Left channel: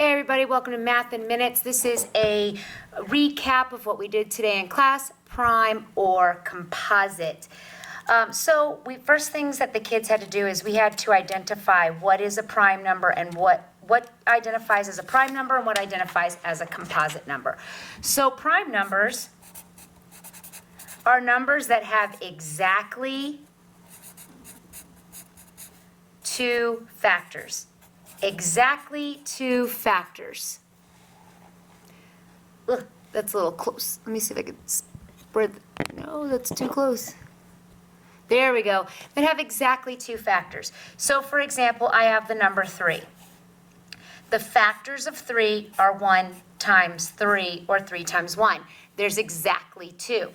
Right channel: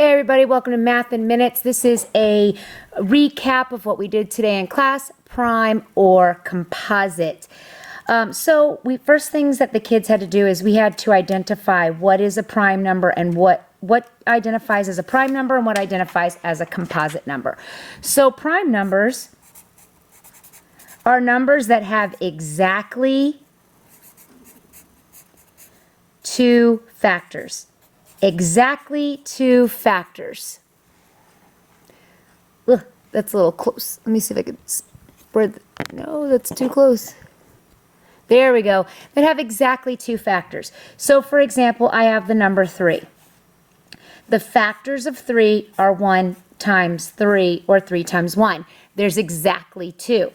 Hey everybody, welcome to Math in Minutes. This is a recap of what we did today in class, prime or composite. First things that the kids had to do is we had to identify what is a prime number and what identifies as a prime number and what identifies as a composite number. So prime numbers are numbers that have exactly two factors. Exactly two factors. Ugh, that's a little close. Let me see if I can spread. No, that's too close. There we go. That have exactly two factors. So, for example, I have the number 3. The factors of 3 are 1 times 3 or 3 times 1. There's exactly 2.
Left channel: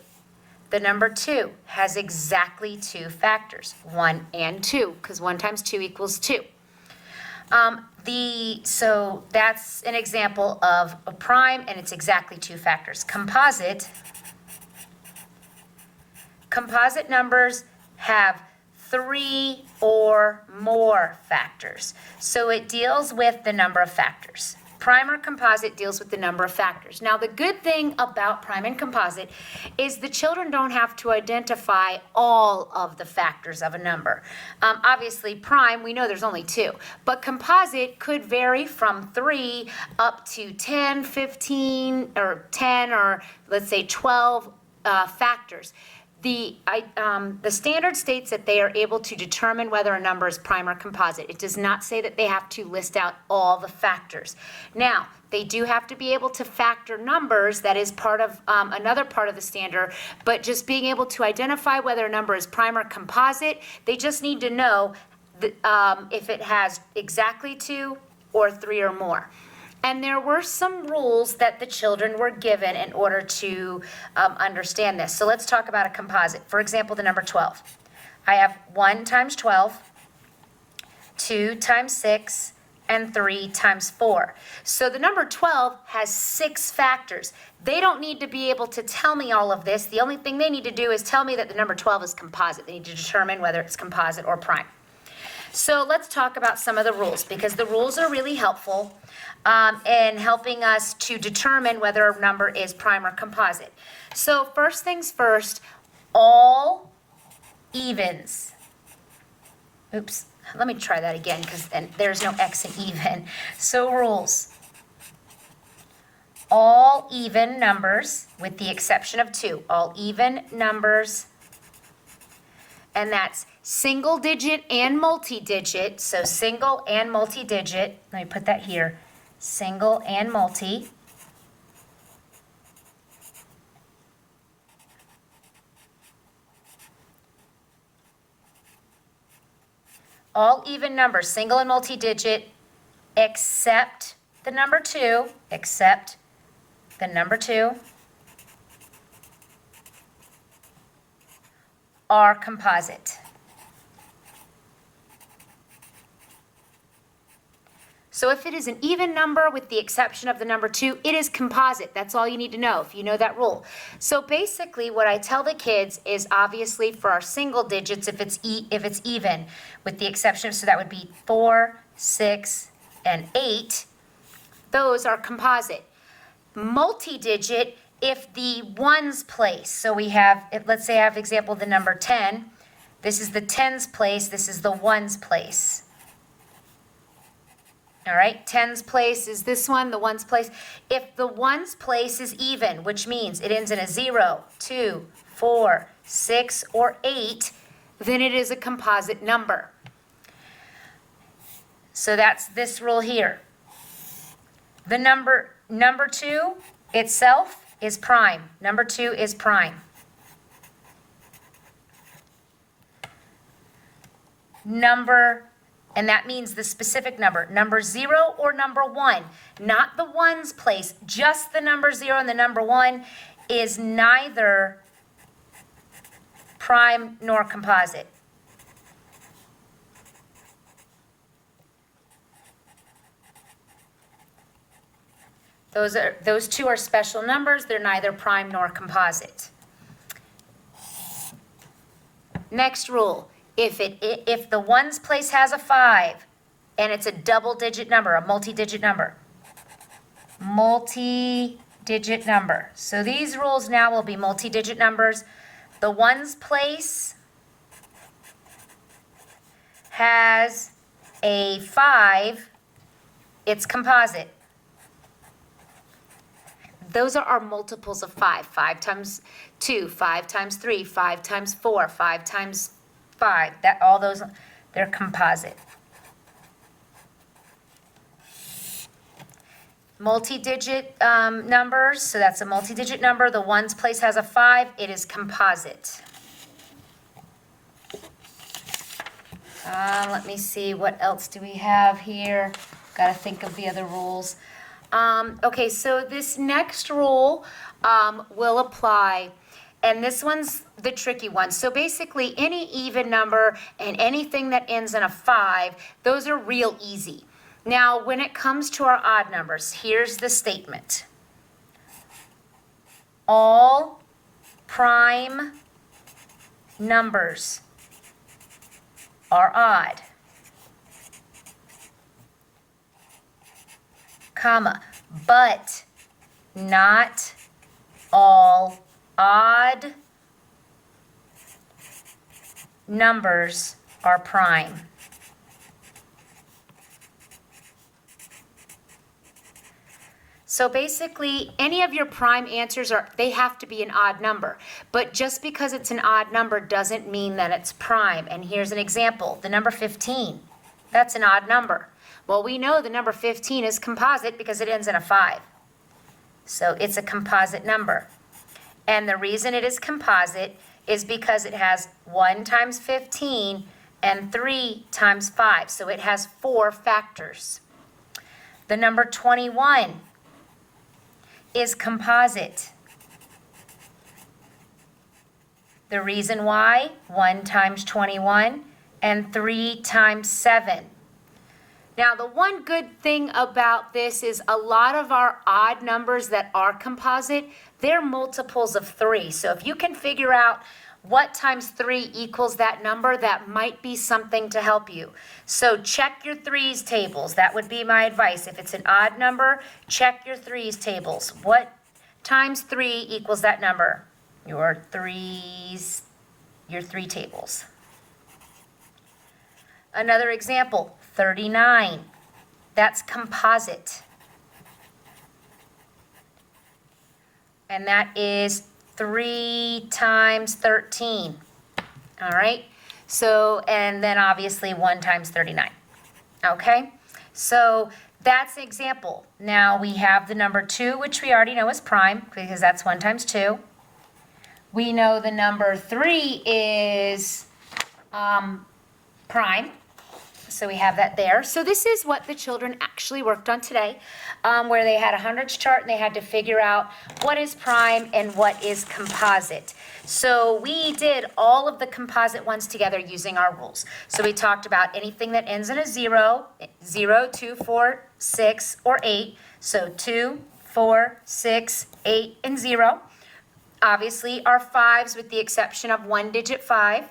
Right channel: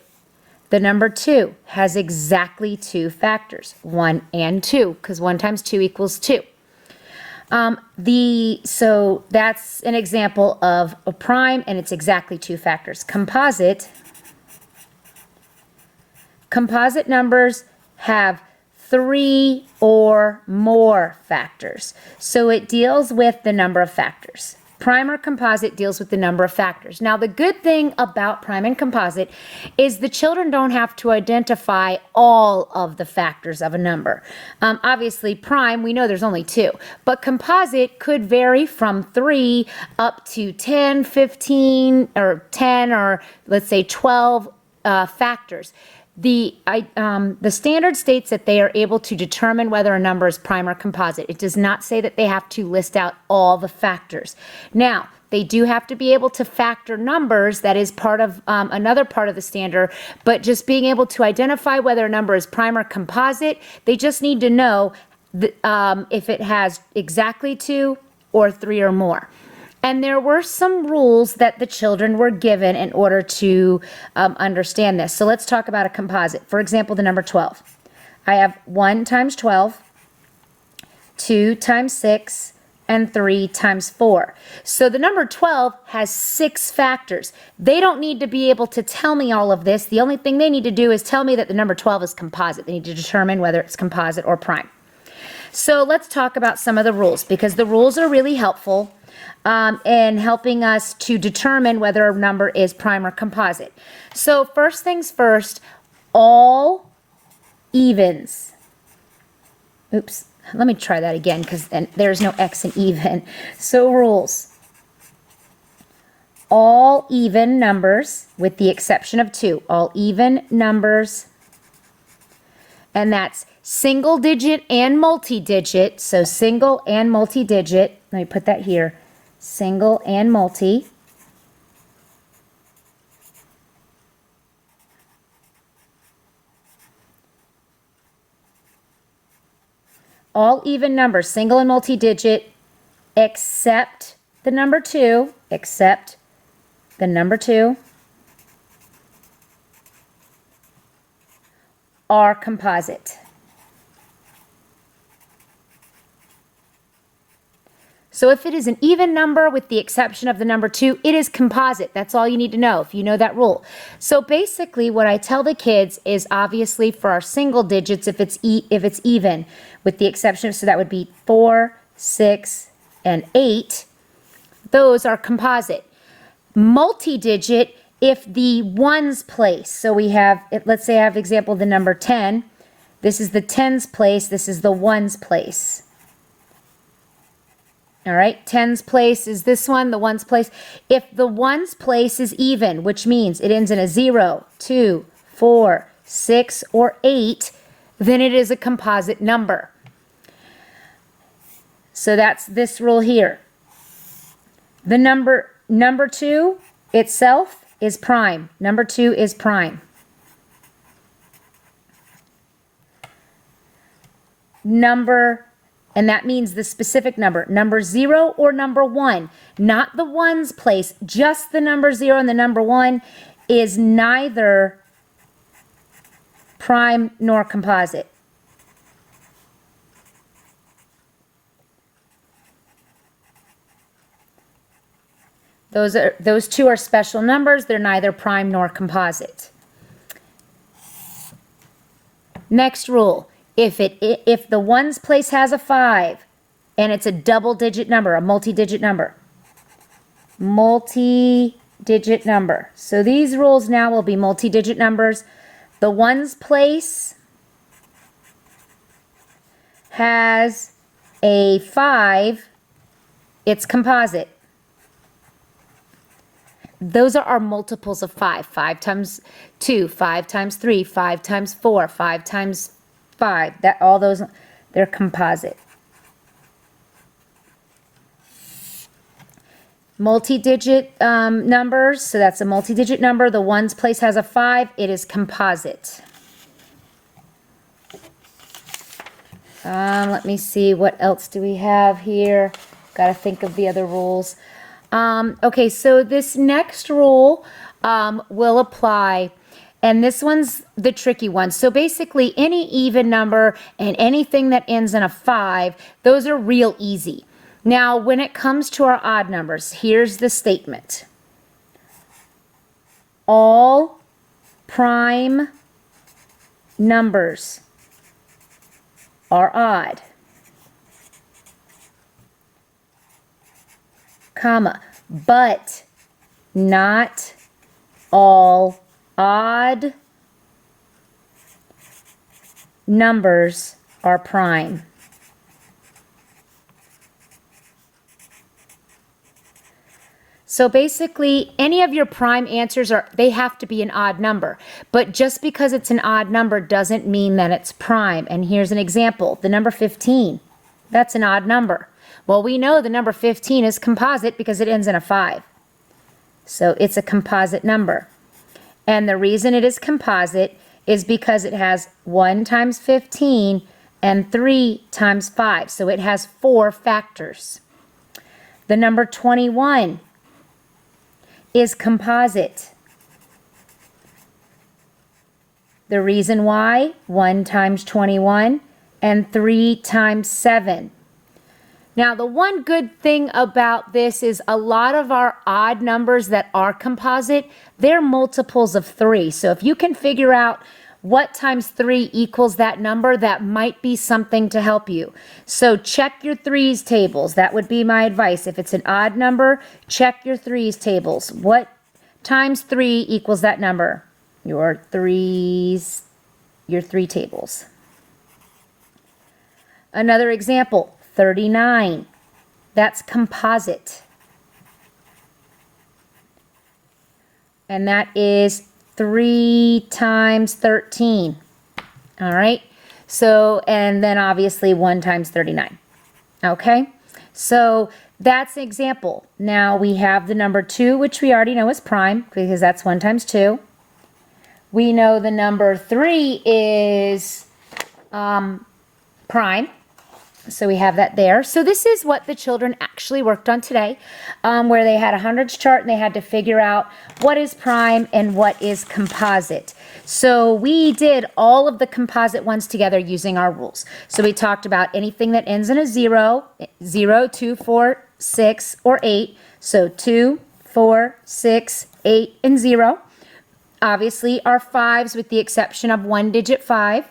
The number 2 has exactly two factors, 1 and 2, because 1 times 2 equals 2. So that's an example of a prime, and it's exactly two factors. Composite numbers have 3 or more factors. So it deals with the number of factors. Prime or composite deals with the number of factors. Now, the good thing about prime and composite is the children don't have to identify all of the factors of a number. Obviously, prime, we know there's only 2, but composite could vary from 3 up to 10, 15, or 10, or let's say 12 factors. The standard states that they are able to determine whether a number is prime or composite. It does not say that they have to list out all the factors. Now, they do have to be able to factor numbers. That is part of another part of the standard, but just being able to identify whether a number is prime or composite, they just need to know if it has exactly 2 or 3 or more. And there were some rules that the children were given in order to understand this. So let's talk about a composite. For example, the number 12. I have 1 times 12, 2 times 6, and 3 times 4. So the number 12 has 6 factors. They don't need to be able to tell me all of this. The only thing they need to do is tell me that the number 12 is composite. They need to determine whether it's composite or prime. So let's talk about some of the rules, because the rules are really helpful in helping us to determine whether a number is prime or composite. So first things first, all evens. Oops, let me try that again, because then there's no X in even. So rules. All even numbers, with the exception of 2, all even numbers, and that's single digit and multi-digit. So single and multi-digit. Let me put that here. Single and multi. All even numbers, single and multi-digit, except the number 2, are composite. So if it is an even number with the exception of the number 2, it is composite. That's all you need to know if you know that rule. So basically what I tell the kids is, obviously for our single digits, if it's even, with the exception of, so that would be 4, 6, and 8, those are composite. Multi-digit, if the ones place, so we have, let's say I have example the number 10, this is the tens place, this is the ones place. All right, tens place is this one, the ones place. If the ones place is even, which means it ends in a 0, 2, 4, 6, or 8, then it is a composite number. So that's this rule here. The number 2 itself is prime. Number 2 is prime. And that means the specific number. Number 0 or number 1, not the ones place, just the number 0 and the number 1 is neither prime nor composite. Those two are special numbers. They're neither prime nor composite. Next rule. If the ones place has a 5 and it's a double digit number, a multi-digit number, multi-digit number. So these rules now will be multi-digit numbers. The ones place has a 5, it's composite. Those are our multiples of 5. 5 times 2, 5 times 3, 5 times 4, 5 times 5. That all those, they're composite. Multi-digit numbers, so that's a multi-digit number. The ones place has a 5, it is composite. Let me see, what else do we have here? Got to think of the other rules. Okay, so this next rule will apply, and this one's the tricky one. So basically, any even number and anything that ends in a 5, those are real easy. Now, when it comes to our odd numbers, here's the statement. All prime numbers are odd, comma, but not all odd numbers are prime. So basically, any of your prime answers they have to be an odd number. But just because it's an odd number doesn't mean that it's prime. And here's an example. The number 15, that's an odd number. Well, we know the number 15 is composite because it ends in a 5. So it's a composite number. And the reason it is composite is because it has 1 times 15 and 3 times 5. So it has 4 factors. The number 21 is composite. The reason why, 1 times 21 and 3 times 7. Now, the one good thing about this is a lot of our odd numbers that are composite, they're multiples of 3. So if you can figure out what times 3 equals that number, that might be something to help you. So check your threes tables. That would be my advice. If it's an odd number, check your threes tables. What times 3 equals that number? Your three tables. Another example, 39. That's composite. And that is 3 times 13. All right. So, and then obviously 1 times 39. Okay. So that's an example. Now we have the number 2, which we already know is prime because that's 1 times 2. We know the number 3 is prime. So we have that there. So this is what the children actually worked on today, where they had a hundreds chart and they had to figure out what is prime and what is composite. So we did all of the composite ones together using our rules. So we talked about anything that ends in a 0, 0, 2, 4, 6, or 8. So 2, 4, 6, 8, and 0. Obviously our 5s with the exception of 1-digit 5.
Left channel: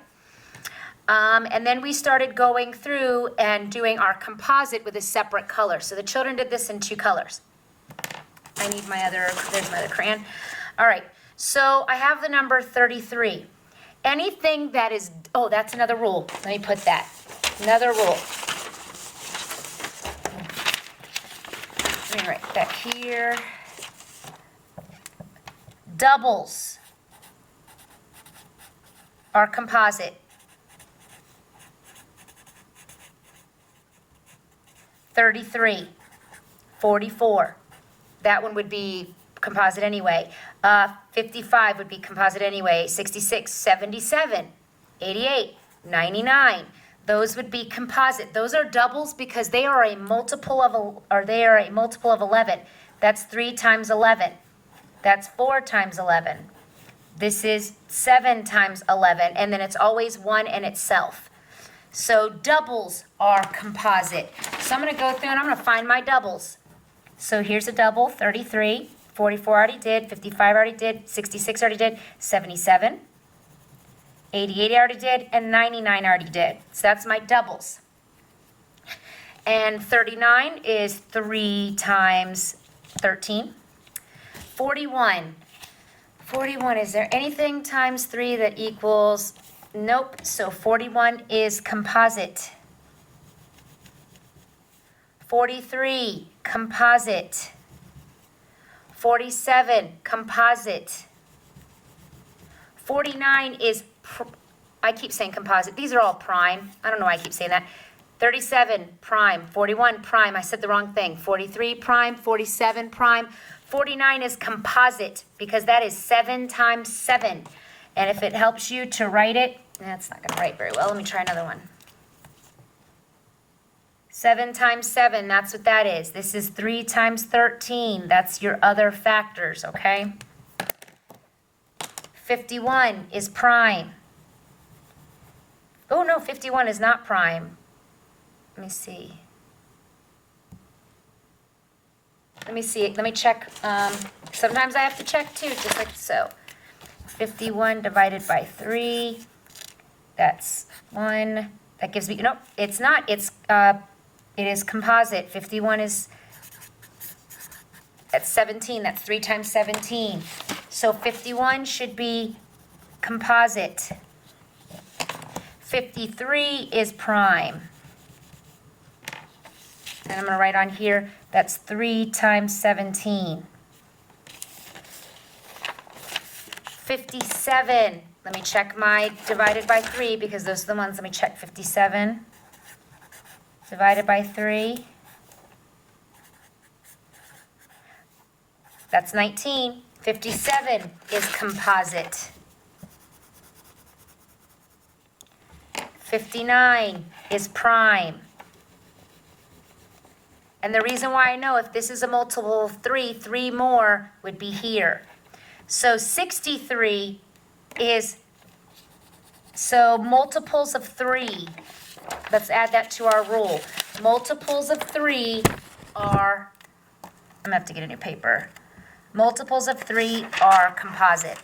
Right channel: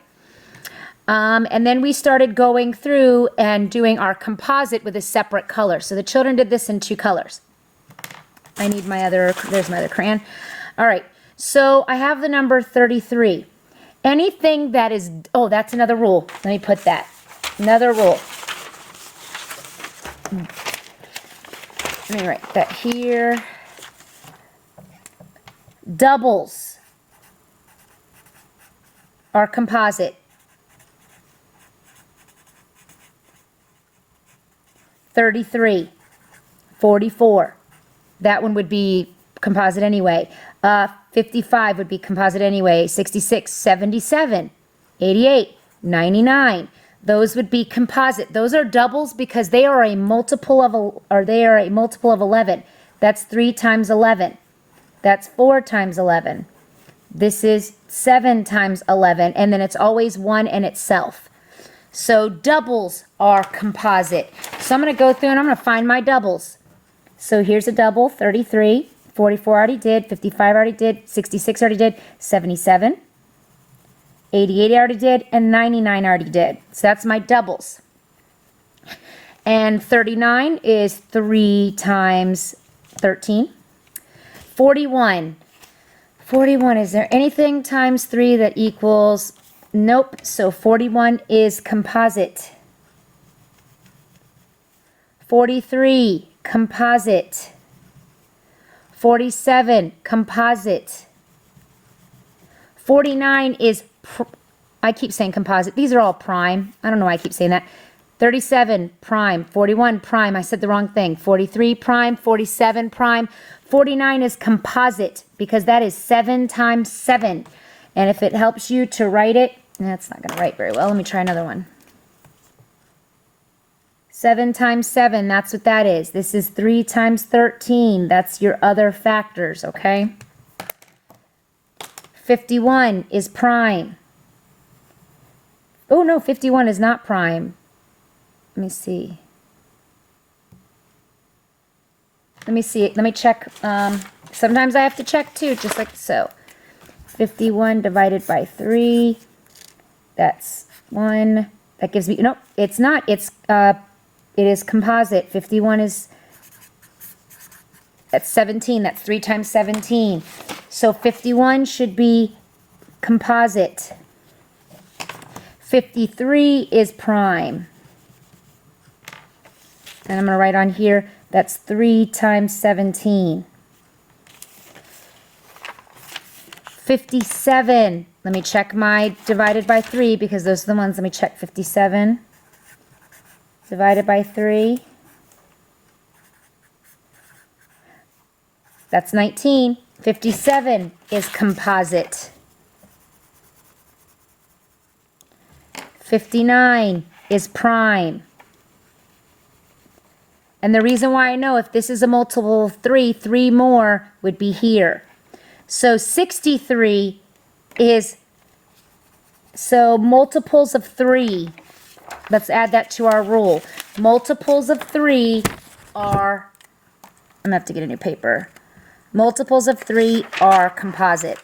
And then we started going through and doing our composite with a separate color. So the children did this in 2 colors. I need there's my other crayon. All right, so I have the number 33. Anything that is, oh, that's another rule. Let me put that. Another rule. Let me write that here. Doubles are composite. 33, 44, that one would be composite anyway. 55 would be composite anyway. 66, 77, 88, 99. Those would be composite. Those are doubles because they are a multiple of 11. That's 3 times 11. That's 4 times 11. This is 7 times 11, and then it's always 1 and itself. So doubles are composite. So I'm going to go through and I'm going to find my doubles. So here's a double, 33, 44 already did, 55 already did, 66 already did, 77, 88 already did, and 99 already did. So that's my doubles. And 39 is 3 times 13. 41. 41, is there anything times 3 that equals? Nope, so 41 is composite. 43, composite. 47, composite. 49 is, I keep saying composite. These are all prime. I don't know why I keep saying that. 37, prime. 41, prime. I said the wrong thing. 43, prime. 47, prime. 49 is composite because that is 7 times 7. And if it helps you to write it, that's not going to write very well. Let me try another one. 7 times 7, that's what that is. This is 3 times 13. That's your other factors, okay? 51 is prime. Oh, no, 51 is not prime. Let me see. Let me check. Sometimes I have to check too, just like so. 51 divided by 3. That's 1. That gives me, nope, it's not. It is composite. 51 is, that's 17. That's 3 times 17. So 51 should be composite. 53 is prime. And I'm going to write on here, that's 3 times 17. 57, let me check my divided by 3 because those are the ones. Let me check 57 divided by 3. That's 19. 57 is composite. 59 is prime. And the reason why I know if this is a multiple of 3, 3 more would be here. So 63 is, so multiples of 3. Let's add that to our rule. Multiples of 3 are, I'm going to have to get a new paper. Multiples of 3 are composite.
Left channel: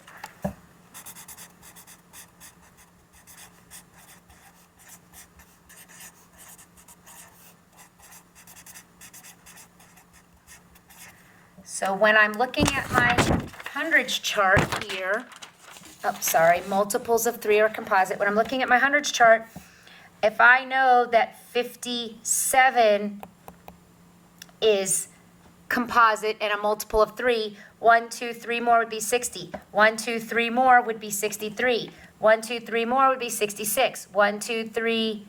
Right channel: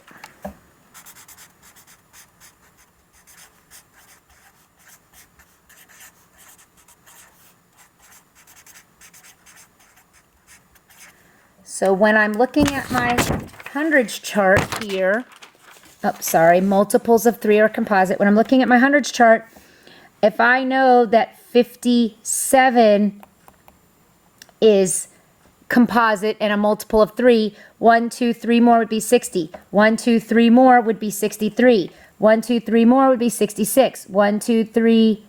So when I'm looking at my hundreds chart here, multiples of 3 are composite. When I'm looking at my hundreds chart, if I know that 57 is composite and a multiple of 3, 1, 2, 3 more would be 60. 1, 2, 3 more would be 63. 1, 2, 3 more would be 66. 1, 2, 3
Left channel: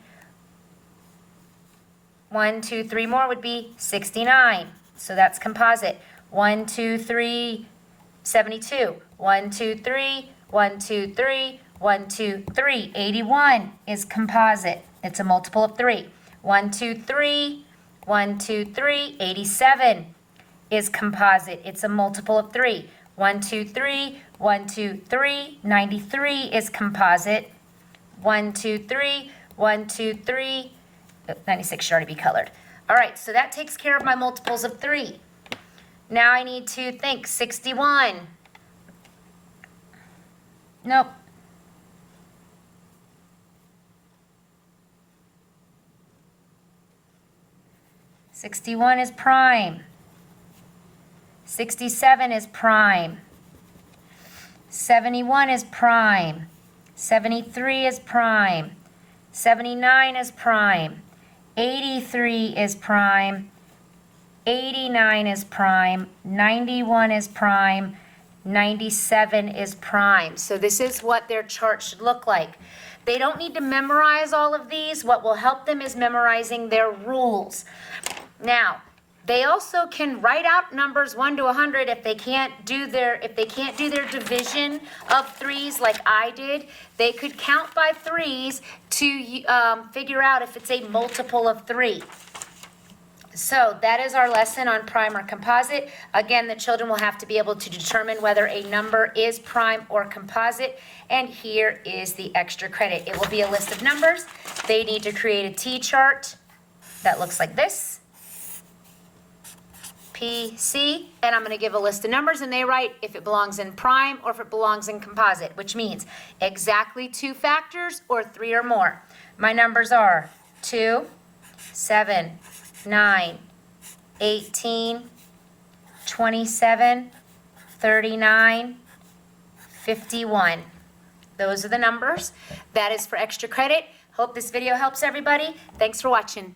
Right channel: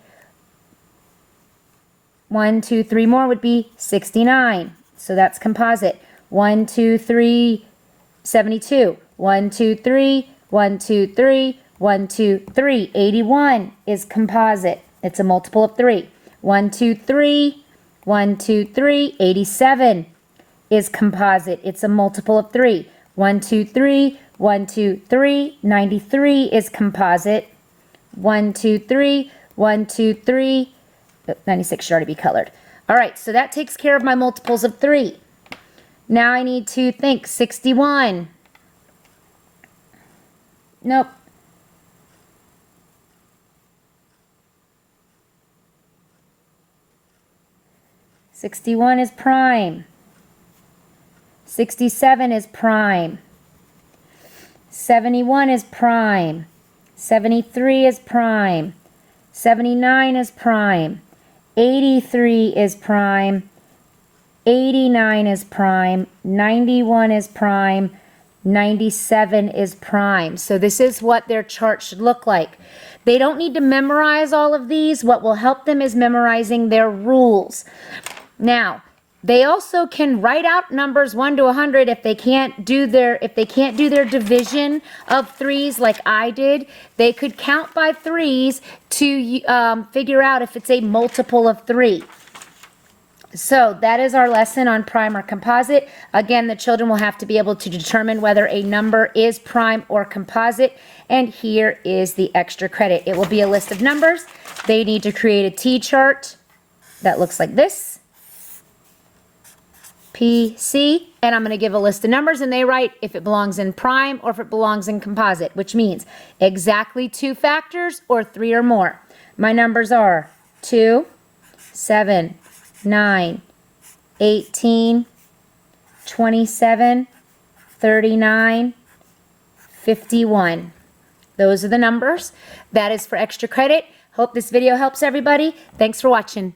more would be 69. So that's composite. 1, 2, 3, 72. 1, 2, 3, 1, 2, 3, 1, 2, 3. 81 is composite. It's a multiple of 3. 1, 2, 3, 1, 2, 3. 87 is composite. It's a multiple of 3. 1, 2, 3, 1, 2, 3. 93 is composite. 1, 2, 3, 1, 2, 3. 96 should already be colored. All right, so that takes care of my multiples of 3. Now I need to think 61. Nope. '61 is prime. 67 is prime. 71 is prime. 73 is prime. 79 is prime. 83 is prime. 89 is prime. 91 is prime. 97 is prime. So this is what their chart should look like. They don't need to memorize all of these. What will help them is memorizing their rules. Now, they also can write out numbers 1 to 100 if they can't do their division of 3s like I did. They could count by 3s to figure out if it's a multiple of 3. So that is our lesson on prime or composite. Again, the children will have to be able to determine whether a number is prime or composite. And here is the extra credit. It will be a list of numbers. They need to create a T-chart that looks like this. P, C, and I'm going to give a list of numbers, and they write if it belongs in prime or if it belongs in composite, which means exactly 2 factors or 3 or more. My numbers are 2, 7, 9, 18, 27, 39, 51. Those are the numbers. That is for extra credit. Hope this video helps everybody. Thanks for watching.